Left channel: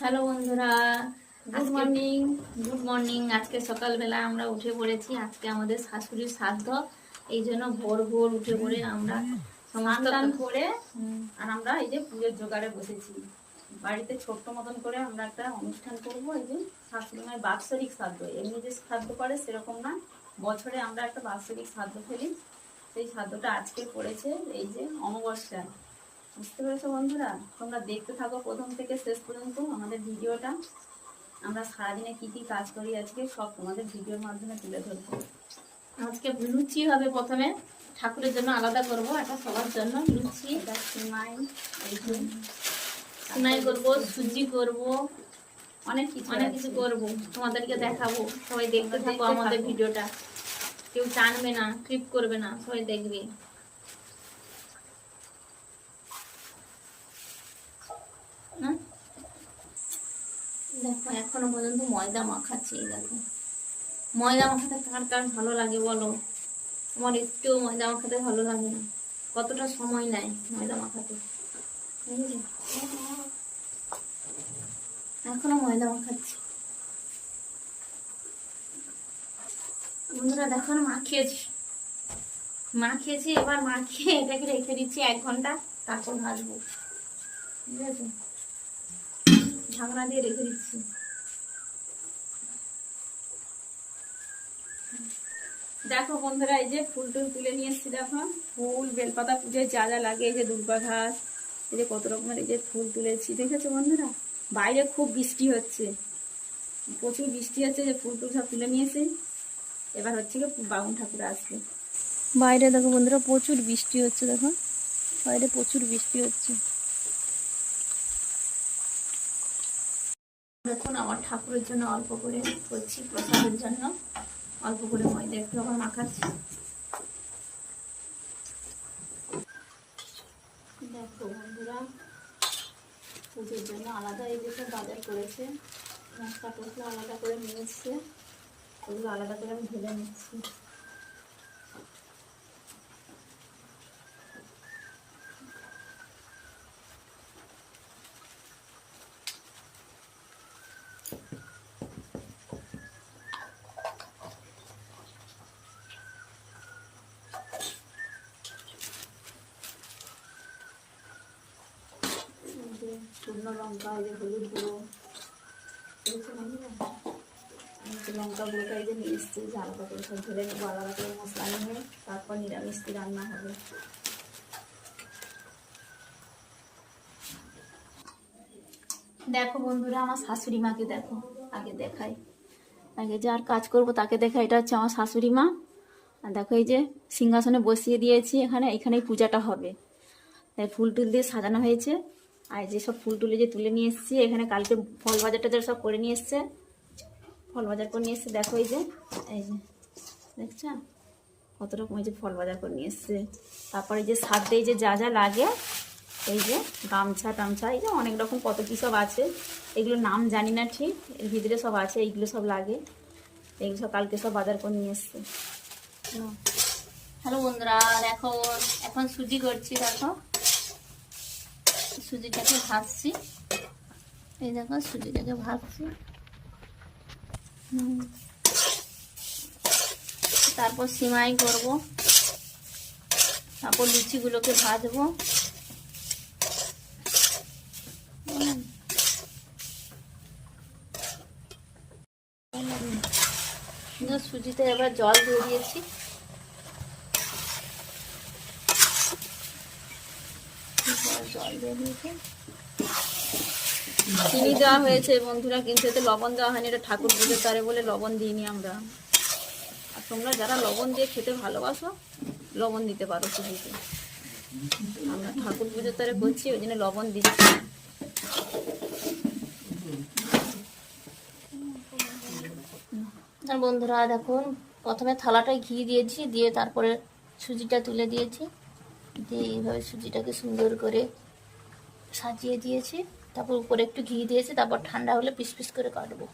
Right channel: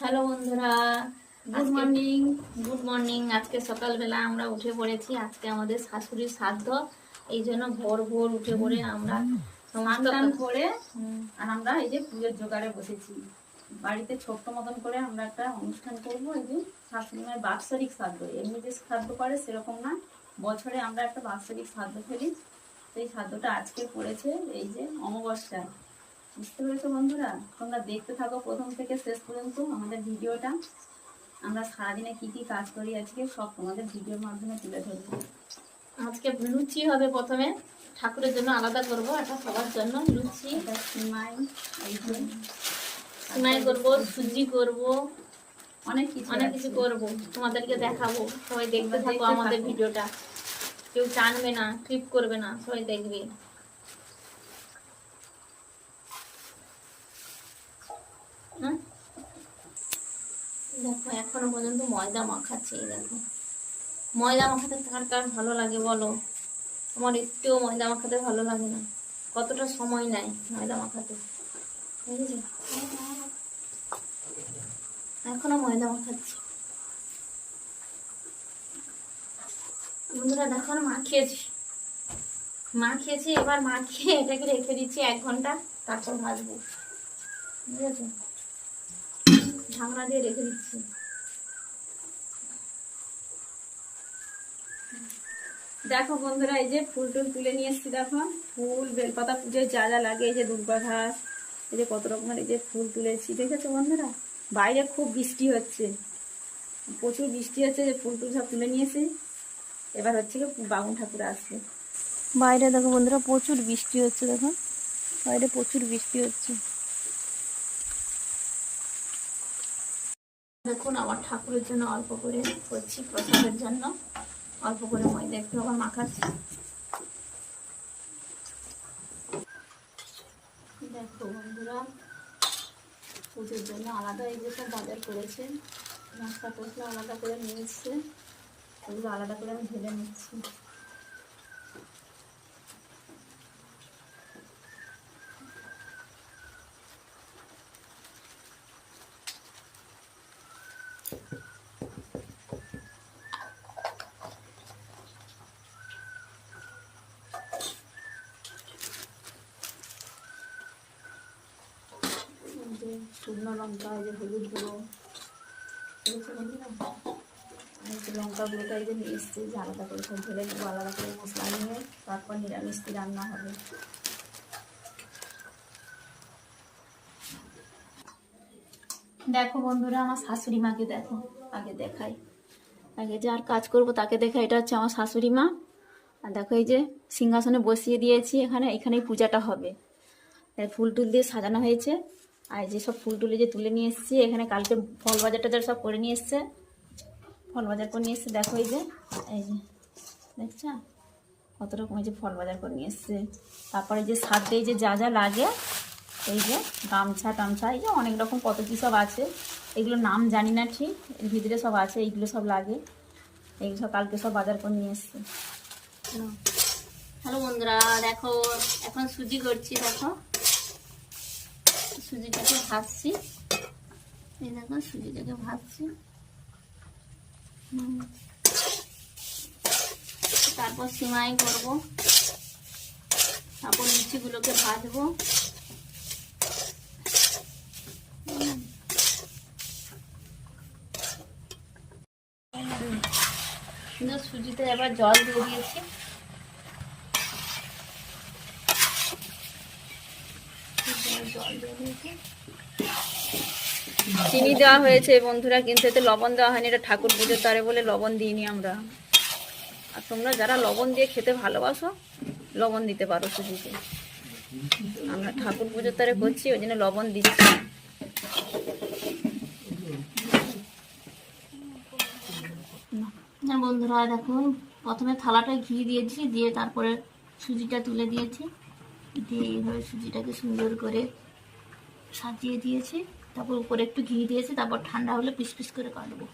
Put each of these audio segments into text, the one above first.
Hello বন্ধুরা good morning good morning আজকে সকালবেলা আমরা উঠে পড়েছি আজকে আমাদের শাশুড়ির শ্রাদ্ধ এই জন্য ভোর ভোর উঠে পড়ে আমরা স্নান করে আর আমরা এই যে পুজোর জোগাড়ে বসেছি। বাড়িতে ছোট্ট মতন করে আমরা একটা অনুষ্ঠান করব এই যে শাশুড়ি মায়ের বাৎসরিক শ্রাদ্ধ। এমনি যে শ্রাদ্ধ করে সেরকম না বছরে আমরা একটা বাৎসরিক শ্রাদ্ধ ফেলি। সেই শ্রাদ্ধটা আজকে পড়েছে এই যে অমাবস্যায় বুঝতে পেরেছ বন্ধুরা? তোমরা দেখতে থাকো প্রথম থেকে শেষ পর্যন্ত আমাদের ভিডিওটা। আমরা সারাদিনে কি কি কাজ করি আজকে সব তোমাদের ভিডিওর মাধ্যমে তুলে ধরবো। আজকে লুচি হবে প্রথমে। ঠাকুরের জন্য আলাদা করব এটা সবার জন্য। লুচি সিমাই সিমাই করব সুজি করব অনেক কিছু অনেক কিছু। করব। তোমাদেরকে দেখাবো। সবাই দেখতে থাকো আমাদের ভিডিওটা। কেউ টানবে না ক্লিপ করবে না সবাই দেখবে হ্যাঁ? দেখো, এখনও পর্যন্ত ময়দা মাখাচ্ছি, এই দেখো। ময়দা মাখাতে কার কার ভালো লাগে বলো? আমার একটুও ময়দা মাখাতে ভালো লাগে না। কতটা সময় নেয় ময়দা মাখাতে? এখনও ময়দা মাখাচ্ছি। বন্ধুরা, দেখো মাখিয়েছি মাখিয়েছি এবার মাখিয়ে এটাকে রেখে দিচ্ছি এক ঘণ্টা, তারপর ভাজবো। বুঝেছ? ঢাকনা দিয়ে রেখে দিচ্ছি। দেখো বন্ধুরা, এই যে ফুল টুল তুলে নিয়ে এসেছি, দেখো। ফুল, বেলপাতা পুজোয় যা যা লাগে, এই যে দুর্গা ঘাস এই যে কত রকমের এই যে ফুল তুলেছি, দেখেছ বন্ধুরা? বাইরে খুব বৃষ্টি হচ্ছে। প্রচুর বৃষ্টি হচ্ছে যে ফুল টুল সব তুলে নিয়েছি। এবার হচ্ছে কি বাবুন ঠাকুর আসবে। বাইরে দেখো বন্ধুরা, প্রচুর বৃষ্টি হচ্ছে, দেখো। বাইরে প্রচুর বৃষ্টি হচ্ছে। দেখুন, আমার ঠাকুরের জন্য অল্প করে করছি প্রসাদের জন্য। অল্প করে ময়দা একটু আবার মাখাচ্ছি। দেখো বন্ধুরা, পুজোর জন্য আলাদা এই যেসব বাজার করেছে মশলা টসলা আলাদা করে নিয়েছে, এগুলো আলাদা করে আমি ঢেলে নিচ্ছি। যে শুকনো লঙ্কা, এই যে হলুদ গুঁড়ো। বন্ধুরা আমি লঙ্কা গুঁড়োটা এই যে নিয়ে এসেছি, যে আলাদা করে সব ঢেলে নেব, আলাদা করে মশলা নিয়ে তারপর নিরামিষ রান্না হবে। দেখো বন্ধুরা, আমার শাশুড়ি মাকে দেখো, আগে দেখাই। আগে যার কাজ করব তাকে দেখা এটা হচ্ছে আমার শাশুড়ি মা। আর দেখো এই যে সিংহাসনে বসিয়ে দিয়েছি এখানে, এখানেই পূজাটা হবে। ফুল টুল দিয়ে সাজানো হয়েছে। আর যে সব ফুল টুলে যে তুলে নিয়ে এসেছি, এখানে কালকে ফল বাজার টাজার সব করে নিয়ে এসছে, ফল বাজার করে নিয়ে এসছে, দেখো এই যে এই যে, দেখছ? কত রকম যে ফল বাজার করে নিয়ে এসছে। তারপরে যে সাথে যে যা যা লাগে, এই যে গামছা টামছা, এই যে অনেক রকম কত কী সব আছে। এগুলো নাম জানি না ঠিক, এর ভিতরে সব আছে, এইগুলো সব লাগে। এইগুলো সব কালকে সব বাজার করে নিয়ে এসছে। হ্যালো বন্ধুরা, দেখো, এখন সুজি করছি, দেখো। সুজিটাকে ভাজছি। এই দেখো, সুজিটাকে ভাজছি। তারপর সিমাই করব। তারপর লুচিগুলোকে ভাজবো। সুজিতে এবার জল দিয়ে দিয়েছি জল দিয়ে দিয়েছি চিনি দেওয়া হয়েছে, বন্ধুরা, কিন্তু এতে লবণ দেওয়া হয়নি, এটা ঠাকুর পুজোর তারে বলে লবণ দিইনি আমরা। আর তোমরা যারা লবণ দিয়ে খেতে ভালোবাসো, লবণ দিতে পারো সুজিতে আমরা ঠাকুর পুজোর তারে করছি, ওই জন্য লবণ দিচ্ছি। বন্ধুরা দেখুন প্রথমে থালাটায় ঘি দিয়েছি, দিয়ে তারপরে সুজিটা তুলে দিয়েছি। দিয়ে এইভাবে সুজিটাকে সুন্দর করে সাজিয়ে দিয়েছি তারপর উপরে একটু ঘি দিয়েছি তারপর ঠান্ডা হলে পিস পিস করে কাটবো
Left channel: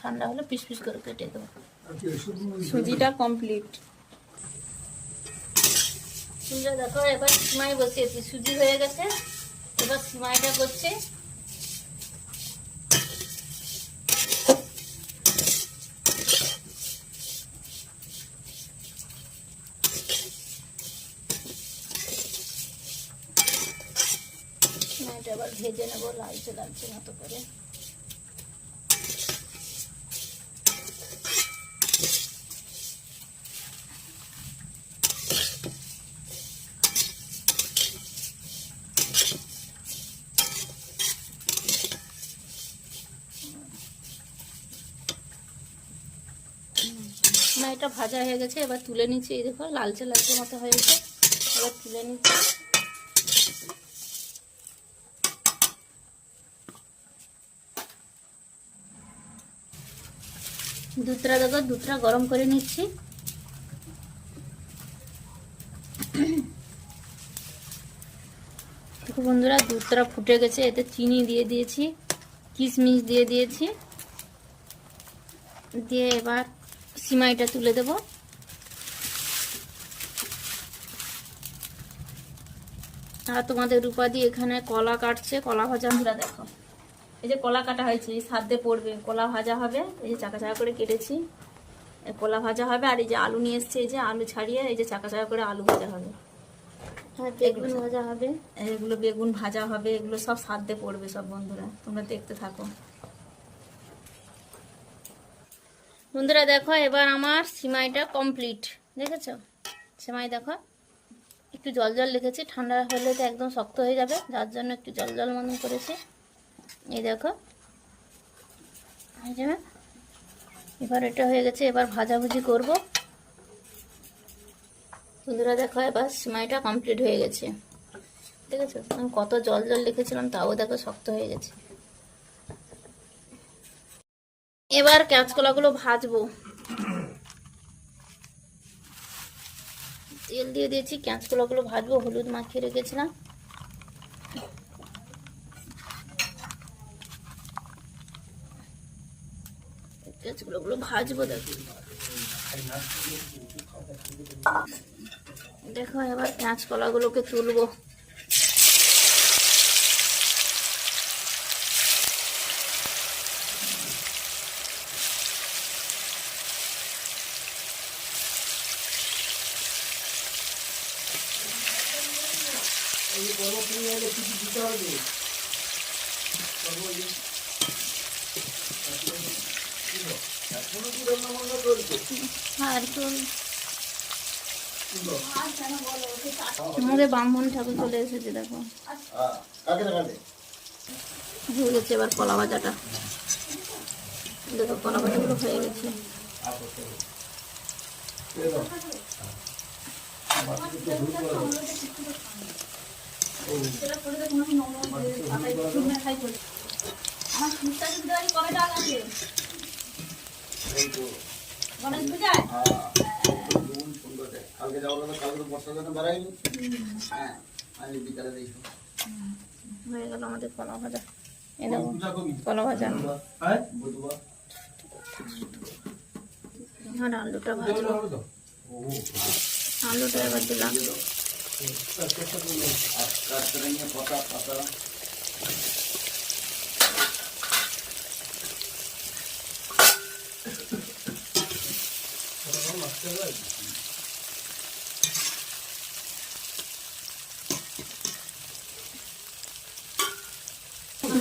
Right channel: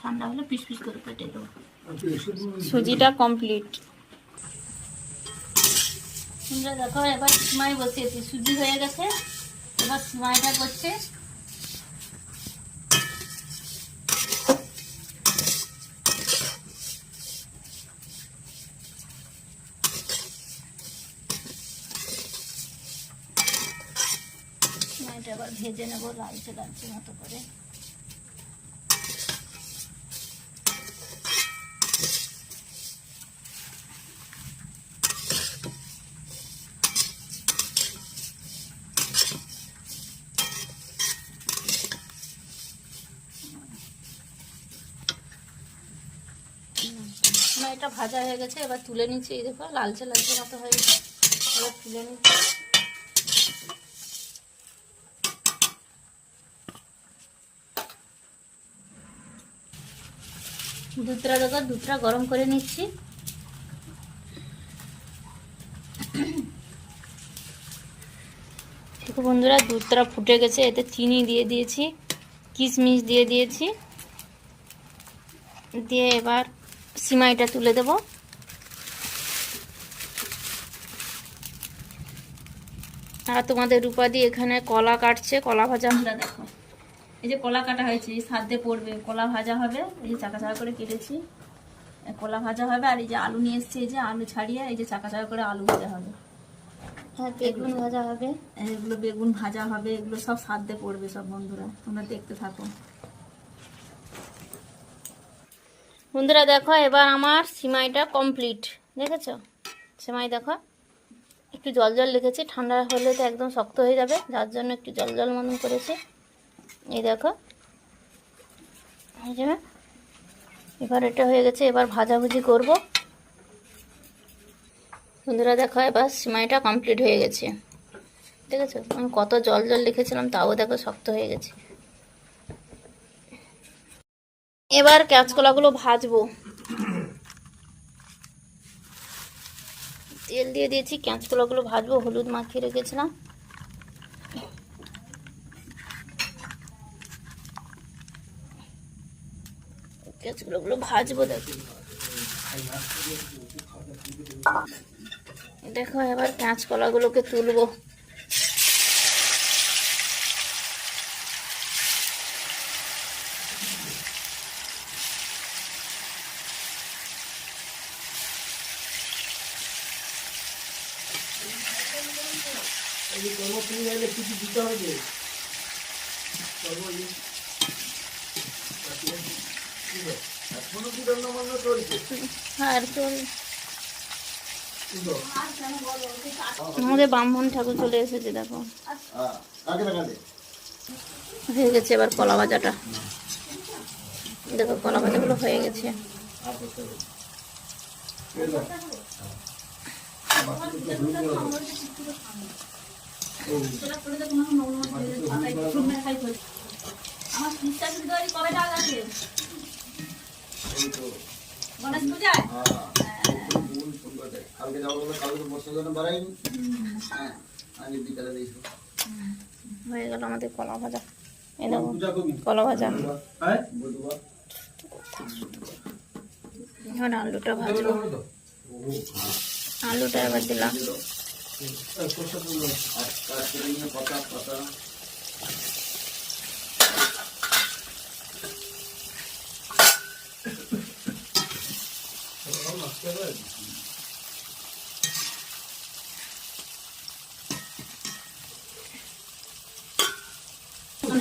ঠান্ডা হলে পিস পিস করে কেটে দেবো। সুজিটা কমপ্লিট বন্ধুরা দেখো এবার সিমাই বসিয়েছি। সুজি হয়ে গেছে এবার সিমাইটা করছে সিমাইটা আবার ভেজে নেব লালচে লালচে মতো করে। সিমাইটা ভাজা হয়ে গেছে, এবার তুলে নিচ্ছি, এই দেখো, লালচে লালচে মতো হয়েছে এবার তুলে নিচ্ছি। দুধটা দেখো দুধটা গরম করে নিচ্ছি। দেখো বন্ধুরা, দুধটা ফুটে গেছে, এতে চিনি দিয়ে দিয়েছি, কিশমিশ দিয়ে দিয়েছি। দিয়ে এবার সিমাইটা তুলে দেব। আর তোমাদের রূপাদি এখানে কলা কাটছে, কলা ভাজা। বন্ধুরা দেখো। এই যে কলা কাটা হয়েছে এই সাধ্যে পড়বে কলা ভাজা হবে এই যে চাকা চাকা করে কেটেছি। কলা ভাজা হবে আর এই যে আলু নিয়ে এসছে এই যে আলু ছাড়িয়ে এই যে চাকা চাকা করে আলু ভাজা হবে। আর বেগুন ভাজা হবে। এগুলো বেগুন ভাজা হবে এগুলো সব সাধ্যে পড়বে সব বন্ধুরা তোমরা দেখতে থাকো। বন্ধুরা দেখো এবার আমার সিমাইটা কমপ্লিট দেখেছ? সিমাই দেখো একটু জল জল রেখেছি ঠান্ডা হলে তো একদম শক্ত হয়ে যাবে যার জন্য একটু জল জল মতন করেছি। এই দেখো। এবার এটা হয়ে গেছে, এবার ভাজাভুজি করব। বন্ধুরা দেখো, এবার সিমাইটা কমপ্লিট হয়ে গেছে। দেখেছ আমি কত জল জল রেখেছিলাম তাও দেখো শক্ত হয়ে গেছে। এবার কাঁচকলাগুলো ভাজবো। তেল দিয়ে দিয়েছি, কাঁচকলাগুলো ভাজবো, হলুদ মাখিয়ে রেখেছিলাম। কাঁচকলাগুলো ভাজবো দেখো দেখো এবার কাঁচকলাগুলোকে তুলবো। আর চল আমাদের ব্রাহ্মণ ঠাকুর চলে এসেছে, দেখো। হয়ে গেছে এবার কলা ভাজাটা। দেখো, কলা ভাজাগুলো হয়ে গেছে। আমার গণেশ পূজায় কালকে যাওয়ার কথা কালকে তো বর্ষার জন্য বাড়ায়নি হ্যাঁ আজ বিকালে দেখো হয়ে গেল আমাদের কলা ভাজা। এই দেখো কলা ভাজা। হ্যাঁ? এখন আলুটা ভাজবো আলুটা এবার দিলাম। আর কাজ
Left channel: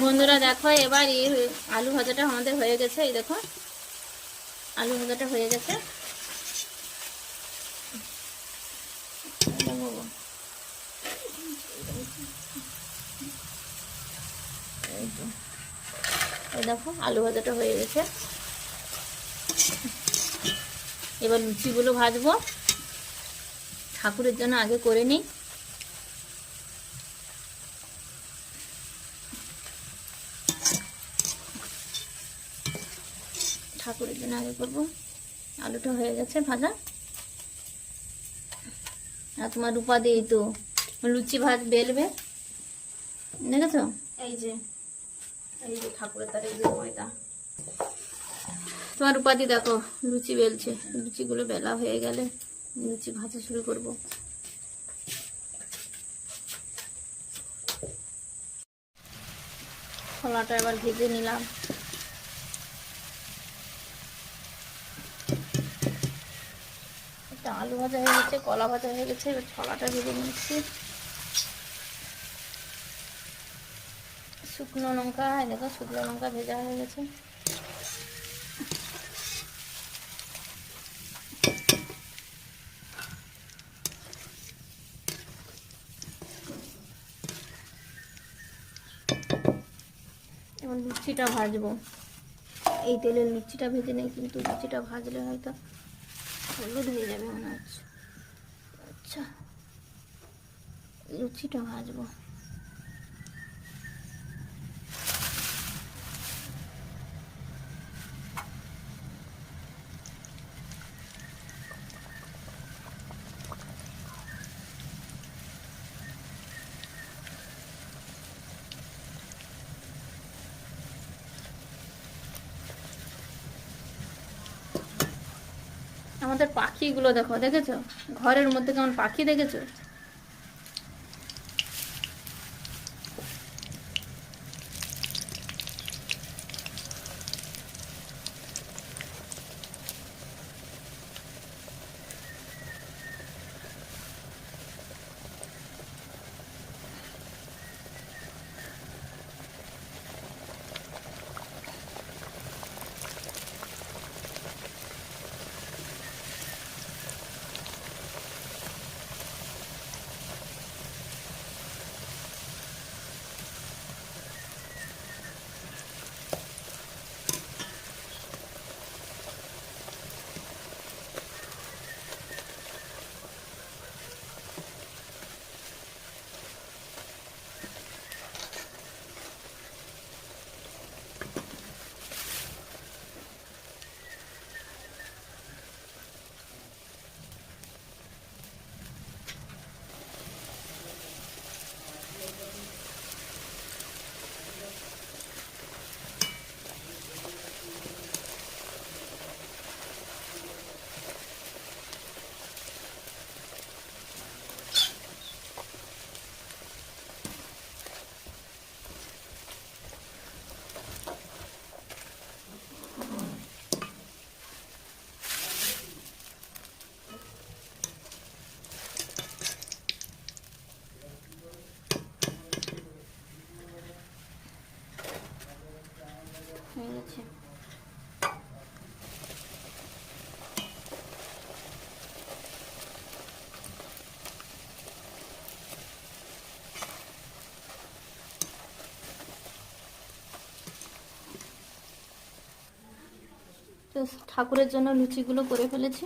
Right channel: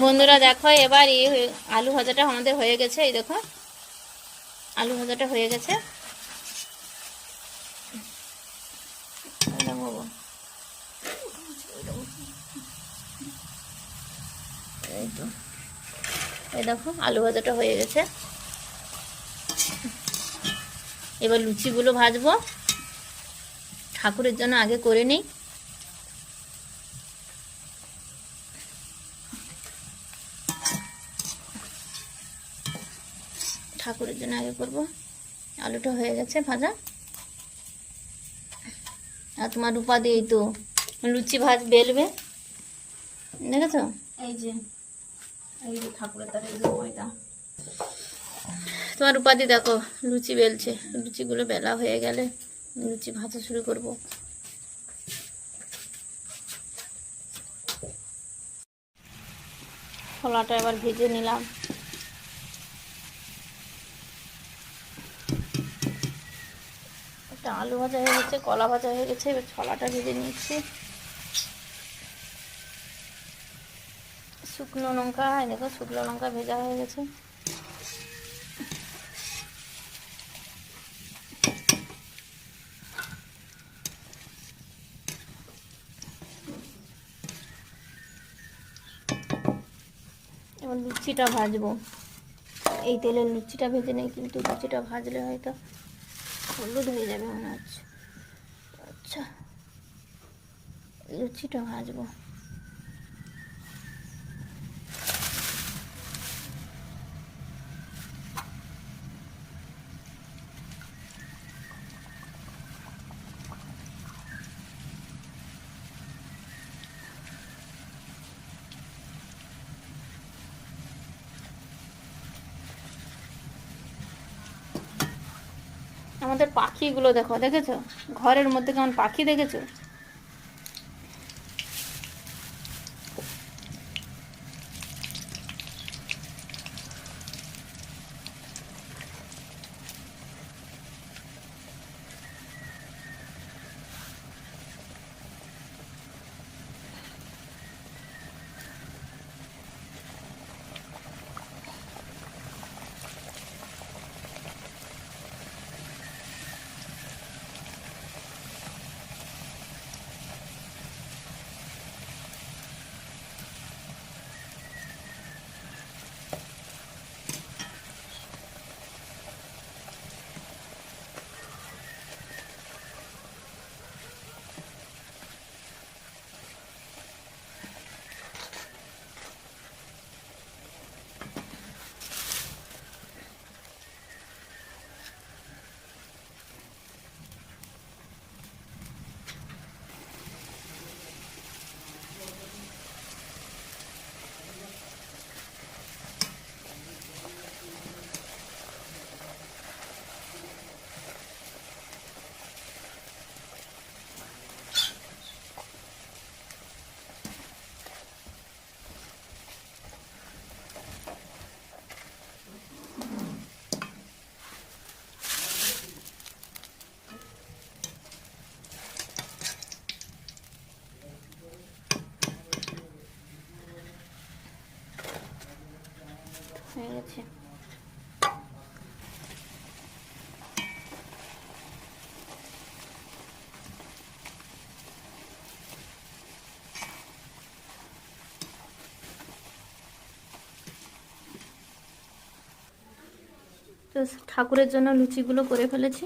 বন্ধুরা, দেখো, এবার এই আলু ভাজাটা আমাদের হয়ে গেছে, এই দেখো। আলু ভাজাটা হয়ে গেছে। এই দেখো, আলু ভাজাটা হয়ে গেছে। এবার লুচিগুলো ভাজবো। ঠাকুরের জন্য আগে করে নিই। ঠাকুরের জন্য আগে করব। আলুটা হয়ে গেছে ভাজা। আর তোমার রূপা দিয়েই তো লুচি ভাজ বেলবে। দেখেছ? এই যে এই যে ঠাকুরের তারে ময়দা। তোমার উপাধি দেখো লুচি বেলছে। লুচিগুলো বেলা হয়ে গেলে লুচি ভাজা শুরু করব। খোলাটা এবার ভেজে নিলাম। আলু ভাজা হয়ে গেছে, কলা ভাজা হয়ে গেছে, এবার ছলাটা ভেজে নিচ্ছি। শুকনো লঙ্কা দেখো শুকনো লঙ্কা ভেজা হয়ে গেছে। এবার লুচিটা ভাজবো। এই তেলের লুচিটা ভেজে নেই, কিন্তু লুচিটা ভাজলে হয়তো হলুদ হয়ে যাবে মনে হচ্ছে আচ্ছা লুচিটা ভাজবো। আমাদের পাখিগুলো দেখো দেখেছ? ঘরের মধ্যে কেমন পাখি দেখেছ হয়ে গেছে ঠাকুরের জন্য লুচিগুলো করে ফেলেছি।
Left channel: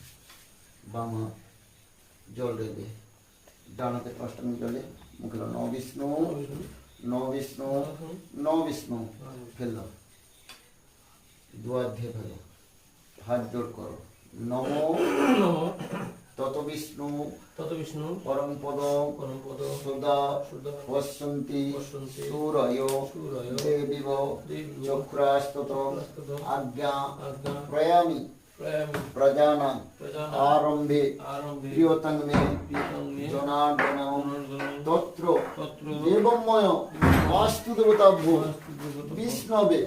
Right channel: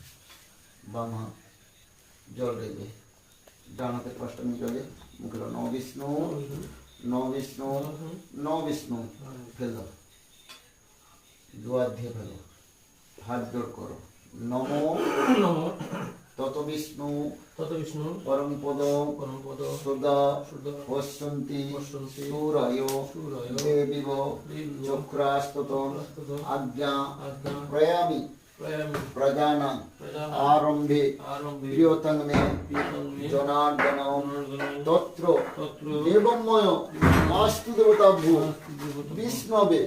বাম হাত জল রেখে ডান অষ্টমী জলে মুখে ন বিষ্ণু ন বিষ্ণু ন বিষ্ণু ফেল দাও। দু হাত দিয়ে ফেলো হাত জোর করো। নম নম। তত বিষ্ণু তত বিষ্ণু পরম পদ পরমপদ সদা সুদা পশ্যন্তি সুরয় সুরয় দেবিব চক্রাস্তত আজ্ঞা প্রয়ামি। প্রিয়তং মে জনার্দন জনার্দন তত্র দেবময় বাস্তু দেবতা ভূ বিষ্ণবে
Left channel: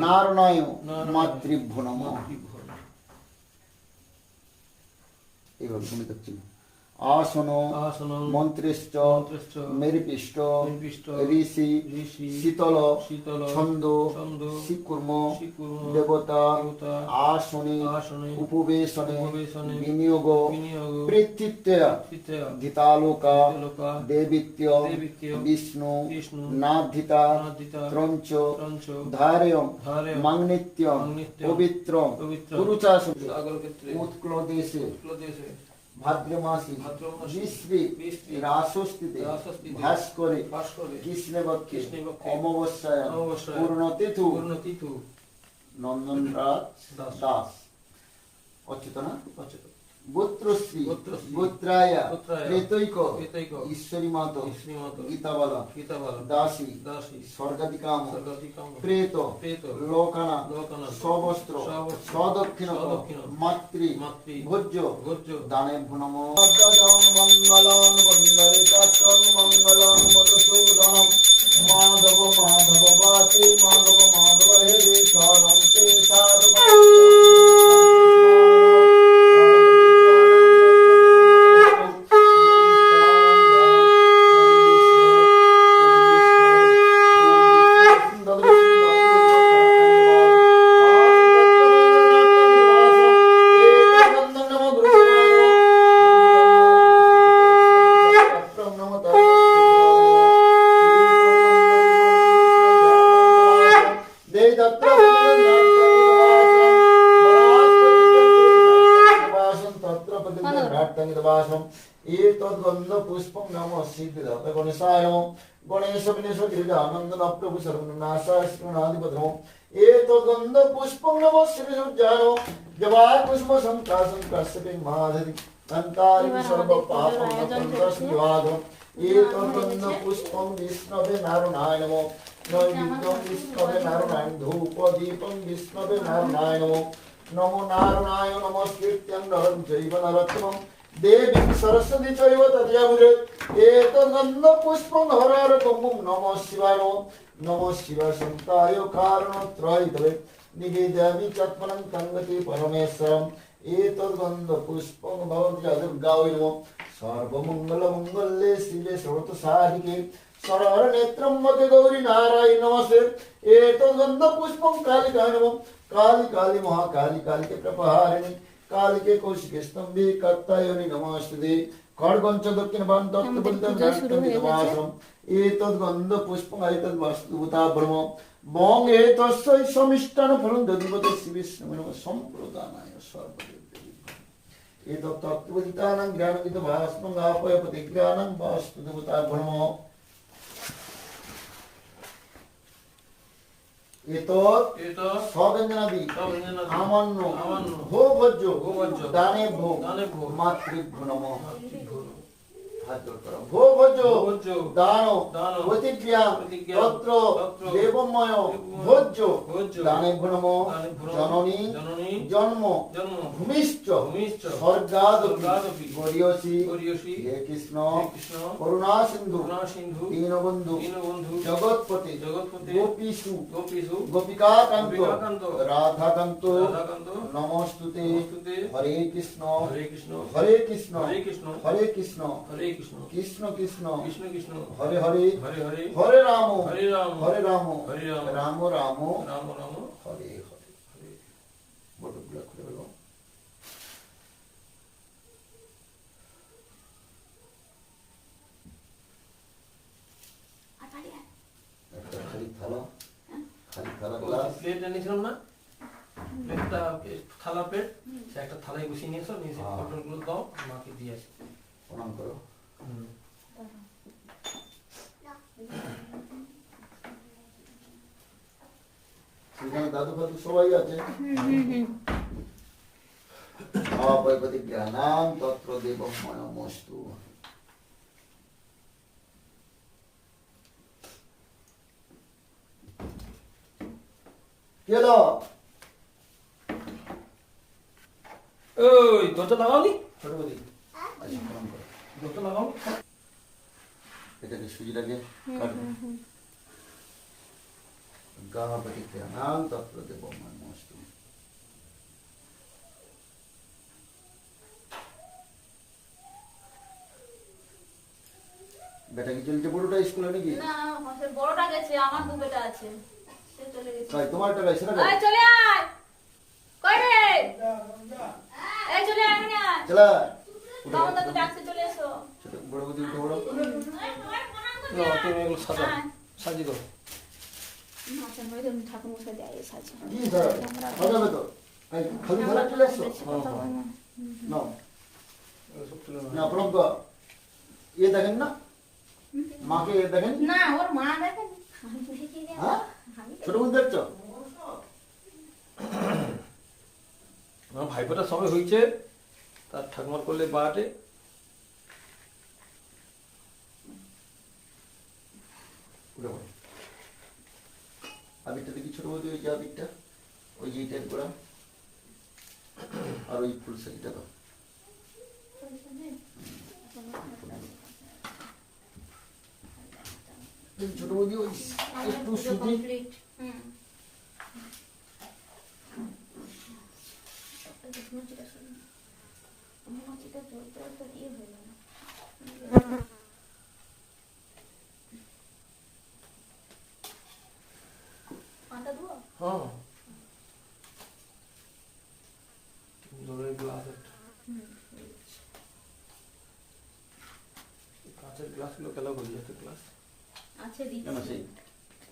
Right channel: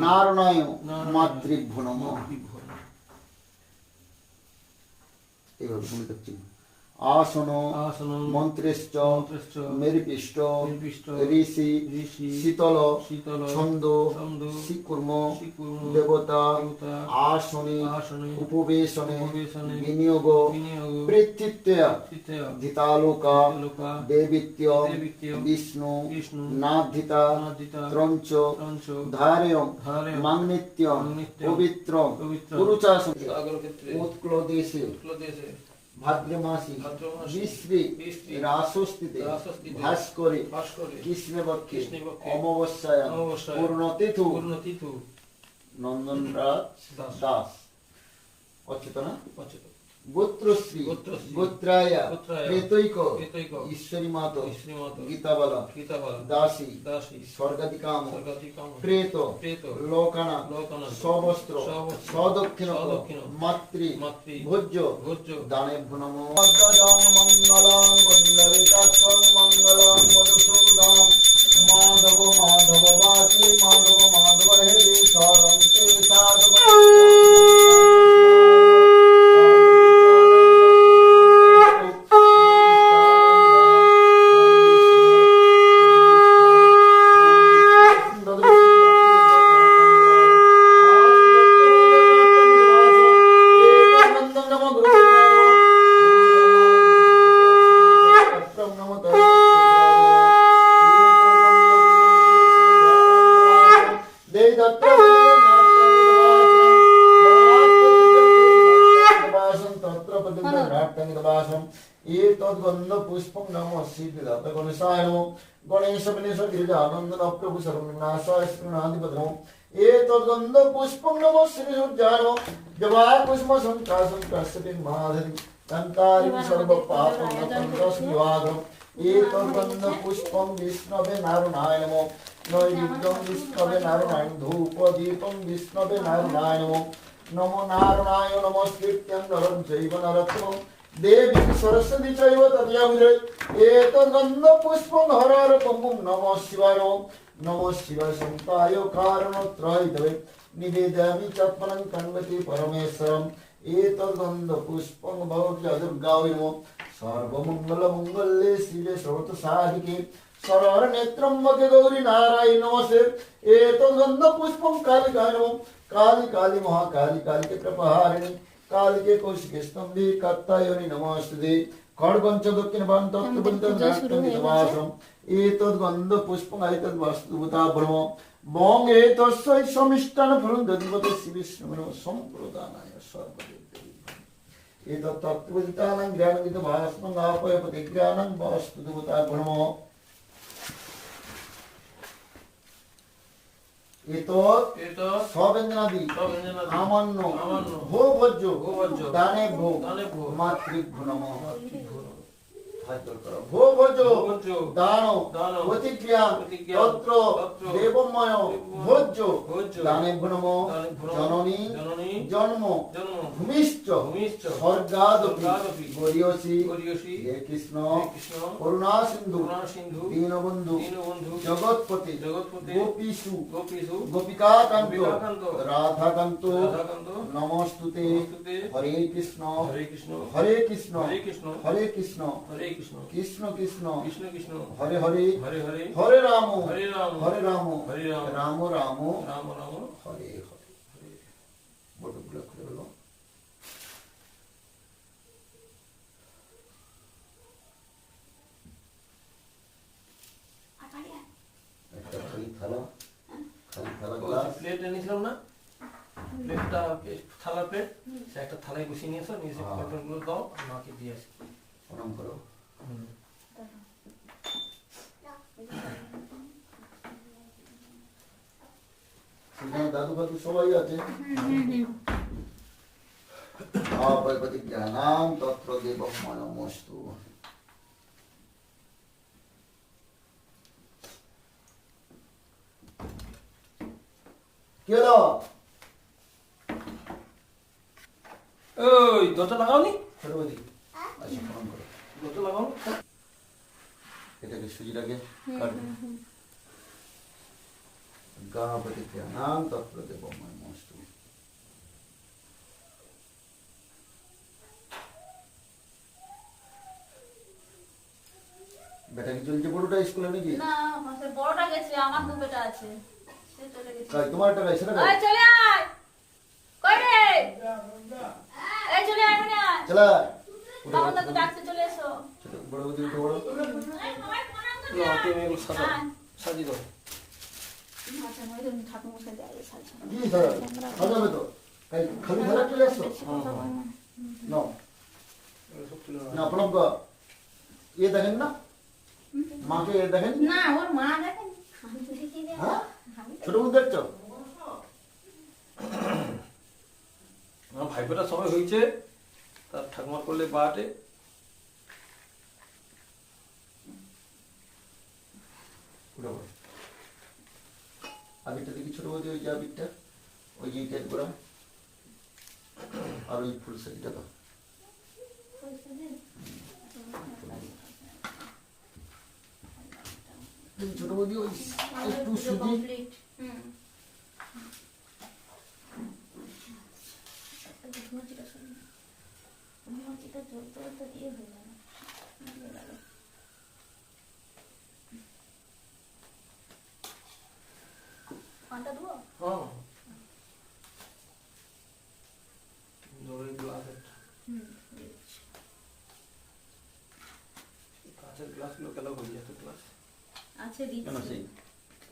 নারায়ণ মাতৃভ্য নম এইভাবে ভূমিকা চিহ্ন আসন আসনং মন্ত্রেশ্চ মেরিপিষ্ট ঋষি শীতল শীতল ছন্দ শিকুর্ম দেবতা আসনে আসনে উপবেশনে উপবেশনে বিনিয়োগ বিনিয়োগ পৃথিত্যয়া চিত্তয়া লোকা দেবিত্য বিষ্ণু বিষ্ণু নাধিতা ত্রঞ্চ মাংনিত্যম পবিত্রম পবিত্রম পুরুচাসন সাগর ভাদ্রমাসি বিশ্রী রাসস্তিতে ভাস করে কৃষ্ণপক্ষে অমাবস্যায় পূর্ণতিথু নন্দনরাজ দাস। অচেতনা অচ্যুত গোত্রশ্রী গোত্রায়া গোত্রায়া, প্রেতৈক ঈশ্বরী মাত গীতাবালা দাসী স্বর্গাধিকাম প্রেত লোকানা লোকানা সবস্ত্র সদক্ষিণ মাতৃ মাতৃ, ভোজ্য ভোজ্য, দানে নম। মঙ্গলং বন্দরে চাকর মঙ্গলং মধুসূদনম। মাধব মাধব বাচি মাধব মাধব হে শরণ সাধব সিদ্ধিদাত গণেশায় নম গণেশ বিনেশ গিরিজানন্দ প্রভু সর্বনাশায় শ্রীনাধিপদ্রম এতদ্গন্ধ পুষ্পং নম শ্রী সূর্যায় নম জবা পুষ্প সংকাশং কাশ্যপে মাধরি কান্তারি সর্ব পাপং তস্মিভাগম এতদ্গন্ধ পুষ্পং বিষ্ণবে নারায়ণ নম নৈবেদ্যং বিষ্ণবে নারায়ণ ধূপ দীপং বিষ্ণবে নারায়ণ নম নমো নারায়ণ নমস্কৃত্যং নরং চৈব এতদ্গন্ধ পুষ্পং হরার কম্বুং নমঃ শিবায় নমঃ শিবায় সন্তায় কারণত্রয় তবে নিবেদয়ামি চত্মনং কন্বতি পরমেশ্বরম এতদ্গন্ধ পুষ্পং ভবত্য দুর্গায় নমঃ সর্বমঙ্গল মঙ্গলে শিবে সর্বত সাধিকে সরর নেত্রম মতে গৌরী নারায়ণ নমস্তে এতদ্গন্ধ পুষ্পং কালিকায় নমঃ কালি কালি মহাকালি কালিকে প্রপহারিণী কালিকে কৌশিকে স্তম্ভে কত্তায়নি নমস্তে খড়গঞ্চ দক্ষিণ বান গেছে। এতদ্ গন্ধ পুষ্পং এতদ্ বস্তুভূতা ব্রহ্ম বং এতস্যৈ সমিষ্টান ফলং দধিপতে শিবিষ্ণু সম্প্রদানায় সর্বদেব এতৎ তত্ত্ববিদিতানাং জ্ঞানবিদ ভাস্মং আপয় প্রতিজ্ঞানাং বস্তুভূতা ব্রহ্ম সবেঞ্জনাদি, আমান্য ভো ভোজ্য দানে ভো দানে ভো, মাতৃভ্য নম মাতৃভ্য, হাত জোড় করো। ভো ভোজ্য ভোজ্য, দান প্রতিক্রিয়া তত্র দেবময় ভোজ্য জননী জন্ম স্বর্গাদপি গরিয়সি হে কৃষ্ণ করুণা সিন্ধু দীনবন্ধু জগৎপতি গোপীষু গোপিকাকান্ত রাধাকান্ত নমস্তুতে হরে কৃষ্ণ হরে কৃষ্ণ, হরে কৃষ্ণ হরে কৃষ্ণ, হরে কৃষ্ণ কৃষ্ণ, কৃষ্ণ কৃষ্ণ। কৃষ্ণ কৃষ্ণ, হরে হরে। হরে হরে, হরে রাম। হরে রাম, হরে রাম। হরে রাম, রাম রাম। রাম রাম, হরে হরে বটগুলো খুলে খালি থালা। খালি থালা গ্লাস প্লেট এনেছিলাম না? প্লেটটা থালা প্লেট? একটা থালায় বসিয়ে নিয়ে এসো নিয়ে এসে হ্যাঁ। দাও মাকে দিয়ে আসি। প্রণাম করো। সেখানে দাদু ফাদু সবাই আছে অপয়পতি জ্ঞানাম তত্র দেব মনমস্তু কেলো ওই দরজা লাগাওনি ছোট এটাকে সুজিটাকে কাটবে। গাবাটি তেনাং তত্র দেব মশরুম বেটা কি চলছে? বড়টা স্কুলে নাকি? না আমার বড়টা গেছে আমার দু বেটা আছে। সে চলে গেছে। তাই তোমার টাকা সেটা আয় চলে আয়! কই রে? এই চলে আয়। চলে আয়। বড় বুঝি উঠে বড় সাজা দাও। না প্রজ্ঞ ইয়ে দেখেন না? মাকে এ দেখেন? না ওর মা দেখেন। হ্যাঁ? ছোট দেখছ? ভাইপোটা সময় হয়েছে। তার ঠাকুমার করলে বাটে আবিরটা দেখি ছোট বৌদি ওই যে আবিরটা ওই যে করা আর ওই ফুল শাড়িটা দাও ছোট বৌদি ওই একটু সুজি। হ্যাঁ। জলের গ্লাস একটা কাঁচের গ্লাসগুলো কেলা হয়ে যাচ্ছে গ্লাস আছে? দিচ্ছি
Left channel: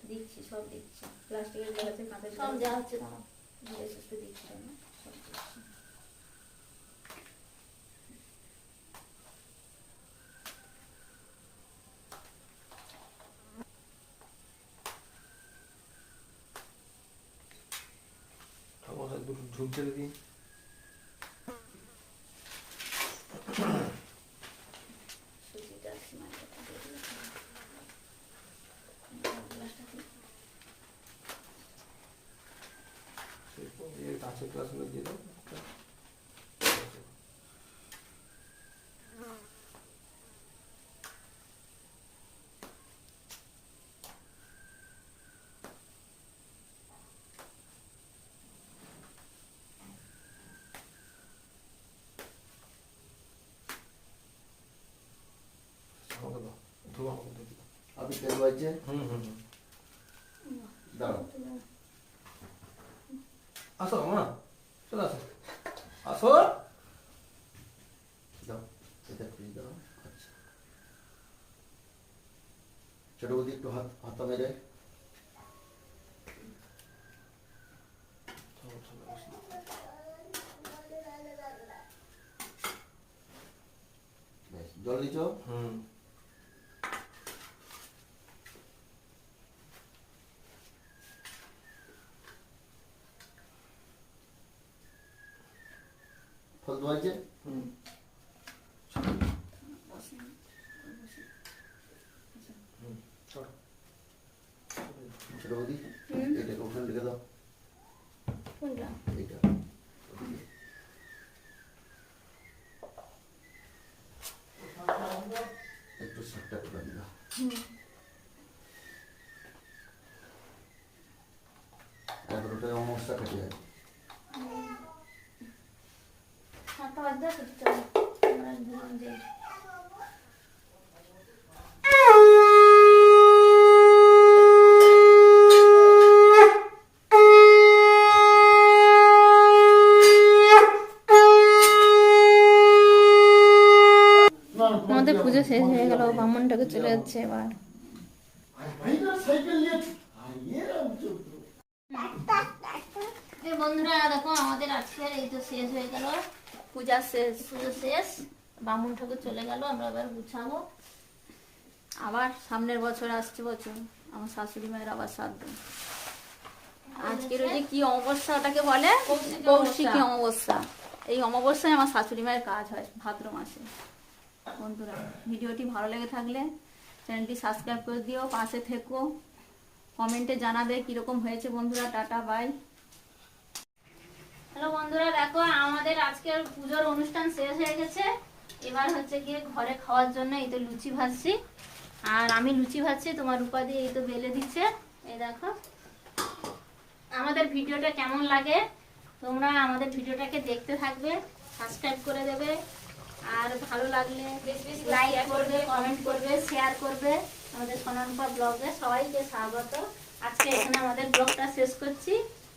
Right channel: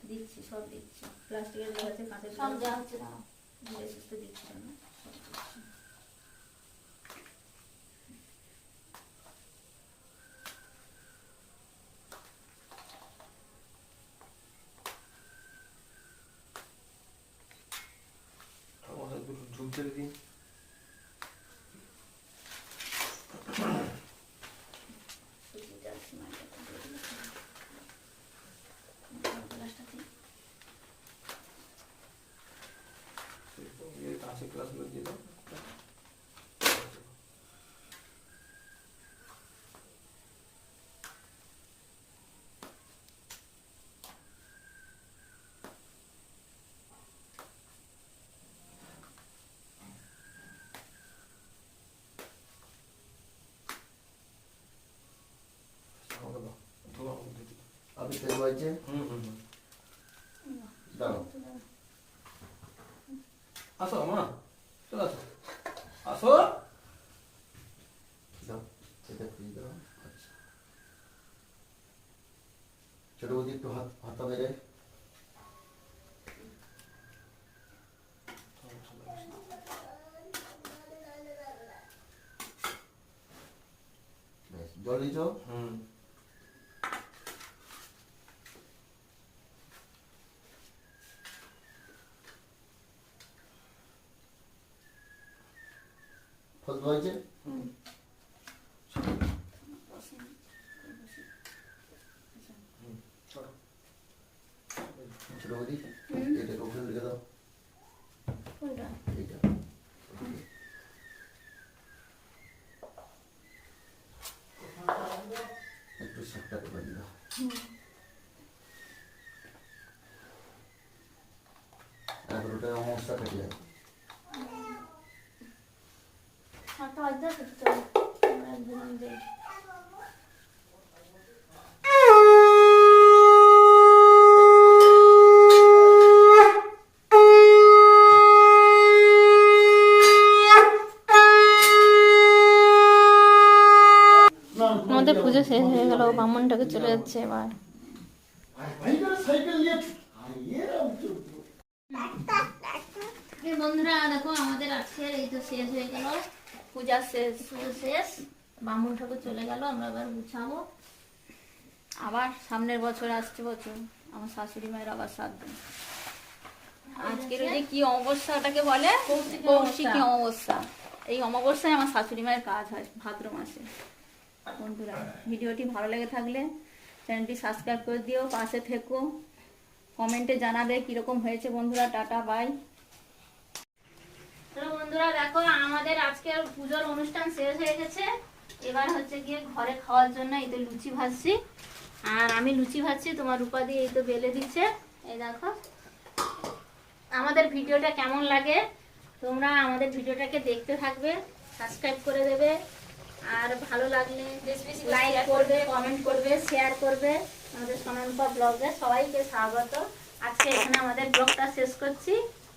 দিচ্ছি সব দিচ্ছি। প্লাস্টিকের গ্লাস কাঁচের সব যা হচ্ছে দাঁড়াও। দিচ্ছি রান্না সব দিচ্ছি। ঠাকুমার সাথে দুটো ঝুল ছেড়ে দিন সুজিটা সিমাইটা দিয়ে দিলাম। গ্লাসটা দিই। এই কাঁচের গ্লাসগুলো দিয়ে দাও আমাকে দাও ধোয়া আমাকে দিয়ে হুম হুম দাঁড়াও। আসো মা। চলে আসো। আসো। দাও এটা ফ্রি দাও। আচ্ছা। ছোট বৌদি একটু হাত হাতা মেরে। বেশ জল দিছ হুম। চলো ছোট বৌদি এটাকে ওখানে লিখে একটু সাতটা করে দিলাম এবার ওটা অবস্থা কেটে যাবে আছে তো? আমরা দুজন যাই। আমাদের পুজো শেষ হয়ে গেল ব্রাহ্মণটাকে চলে যাচ্ছে এবার বন্ধুরা দেখো আমাদের আজকের এই তো শেষ হয়ে গেল পূজা শেষ পুজো শেষ ব্রাহ্মণ ঠাকুর চলে গেল আমরা এবার গুছাবো। আবার সামনের বছর আসছে বছর আমার শাশুড়ি মায়ের আবার শ্রাদ্ধ আজকের ওই যে কি অমাবস্যা ওটাকে বলে? কৌশিকী অমাবস্যা। এই অমাবস্যায় আমার শাশুড়ি মায়ের কাজ হয় ভাদ্র মাসে। বন্ধুরা ভিডিওটি ভালো লেগে থাকলে চ্যানেলটি সাবস্ক্রাইব করে দিও পাশে থেকো। কমেন্টে জানাবে কীরকম হয়েছে বন্ধুরা টাটা বাই। হ্যালো বন্ধুরা দেখো আমাদের আজকের পুজোর অনুষ্ঠান শেষ হয়ে গেছে। এবার হচ্ছে গিয়ে ঘরে খাওয়ার জন্য এই তো লুচি ভাজছি। আর আমি লুচি ভাজছি তোমার রূপা দিয়ে এই তো বেলে দিচ্ছে। এই দেখো। আমাদের ভিডিওটা কেমন লাগে তোমরা আমাদের ভিডিওটাকে দেখতে থাকবে সাবস্ক্রাইব করে দেবে। আর ভালো লাগলে লাইক করবে কমেন্ট করবে শেয়ার করবে। আমাদের সোনারূপা ব্লগে সবাইকে স্বাগত। আজকে এখানে আমাদের ব্লগটা শেষ করছি।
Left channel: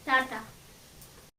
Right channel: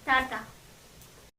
টাটা।